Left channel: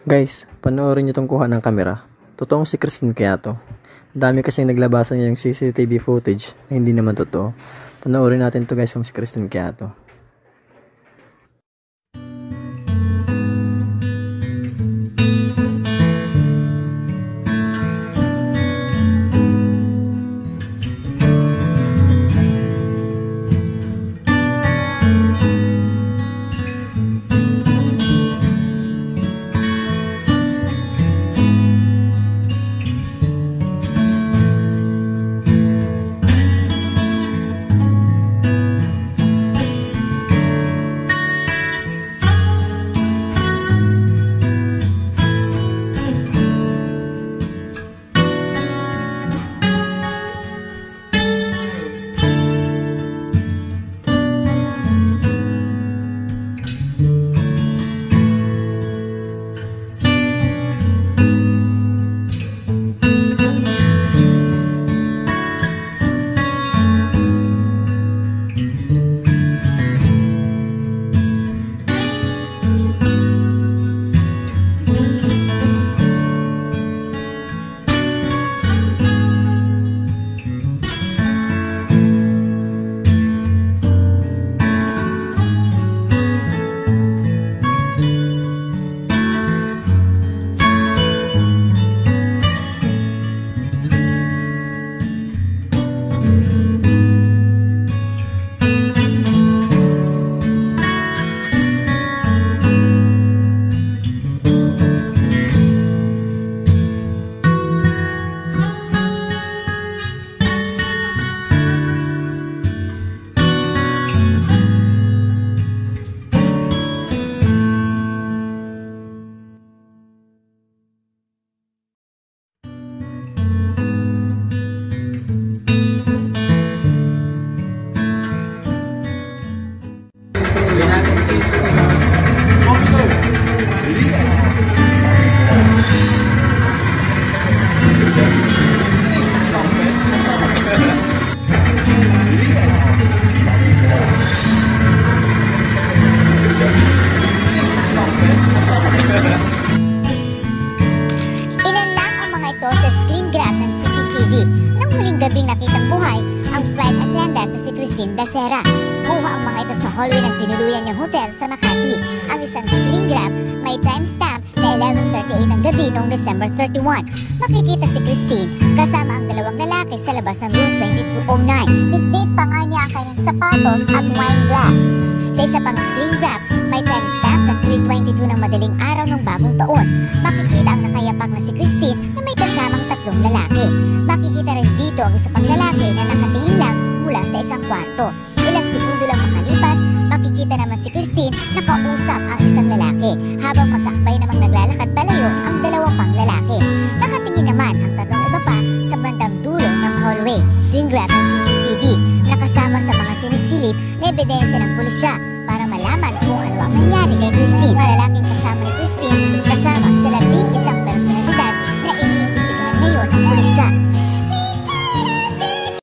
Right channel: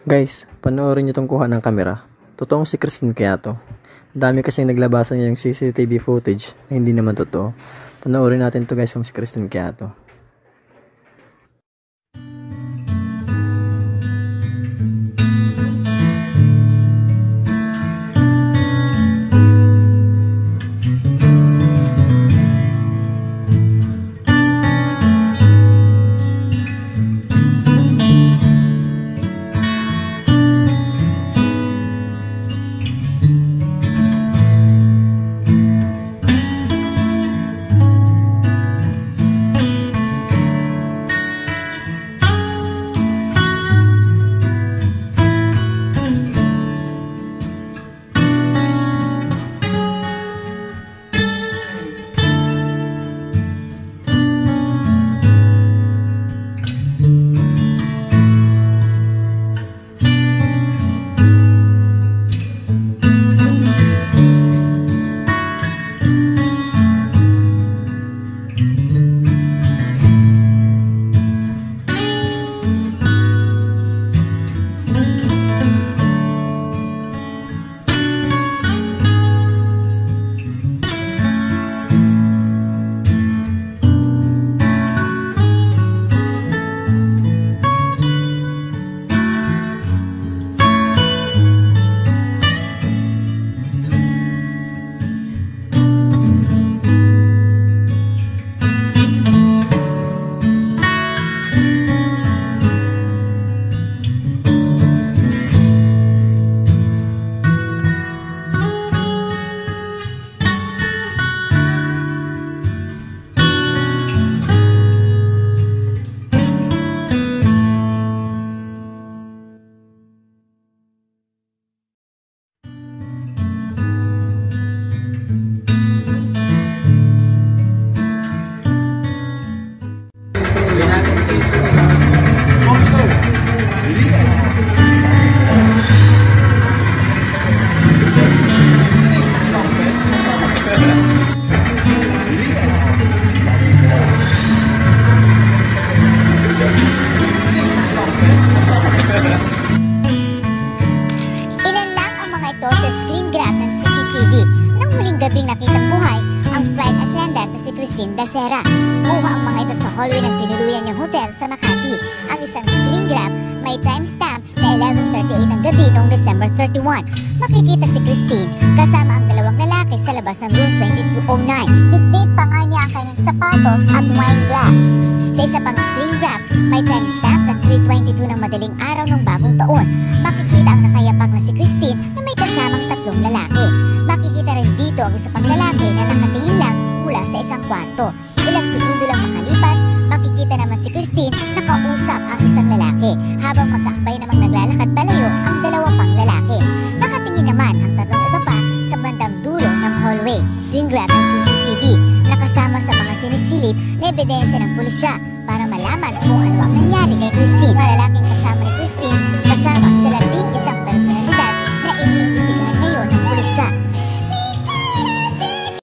Guys, panoorin nyo tong kuha ng kamera. Totoong si Christine kaya to. Ang dami kasing naglabasan niya yung CCTV footage na hindi naman totoo. Panoorin natin to guys kung si Christine kaya to. Sa screen grab ng CCTV nang huling gabing nakitang buhay ang flight attendant na si Christine Dacera. Kuha ang mga ito sa hallway ng tinuluyan niyang hotel sa Makati. Ang isang screen grab may timestamp na 11:38 ng gabi noong December 31. Makikita si Christine kasama ang dalawang lalaki sa labas ng room 2209. Bitbit pa nga niya ang kanyang sapatos at wine glass. Sa isa pang screen grab, may timestamp na 3:22 ng madaling araw ng bagong taon. Makikita ang nakayapak na si Christine na may kasamang tatlong lalaki. Makikita rin dito ang isa pang lalaki na nakatingin lang mula sa isang kwarto. Ilang segundo lang makalipas, makikita naman si Christine nakausap ang isang lalaki habang magkakbay namang naglalakad palayo ang dalawa pang lalaki. Nakatingin naman ang tatlong iba pa sa bandang dulo ng hallway. Screen grab ng CCTV nakasama sa mga sinisilip na ebidensya ng pulisya para malaman kung ano ang nangyari kay Christine. Mga lalaking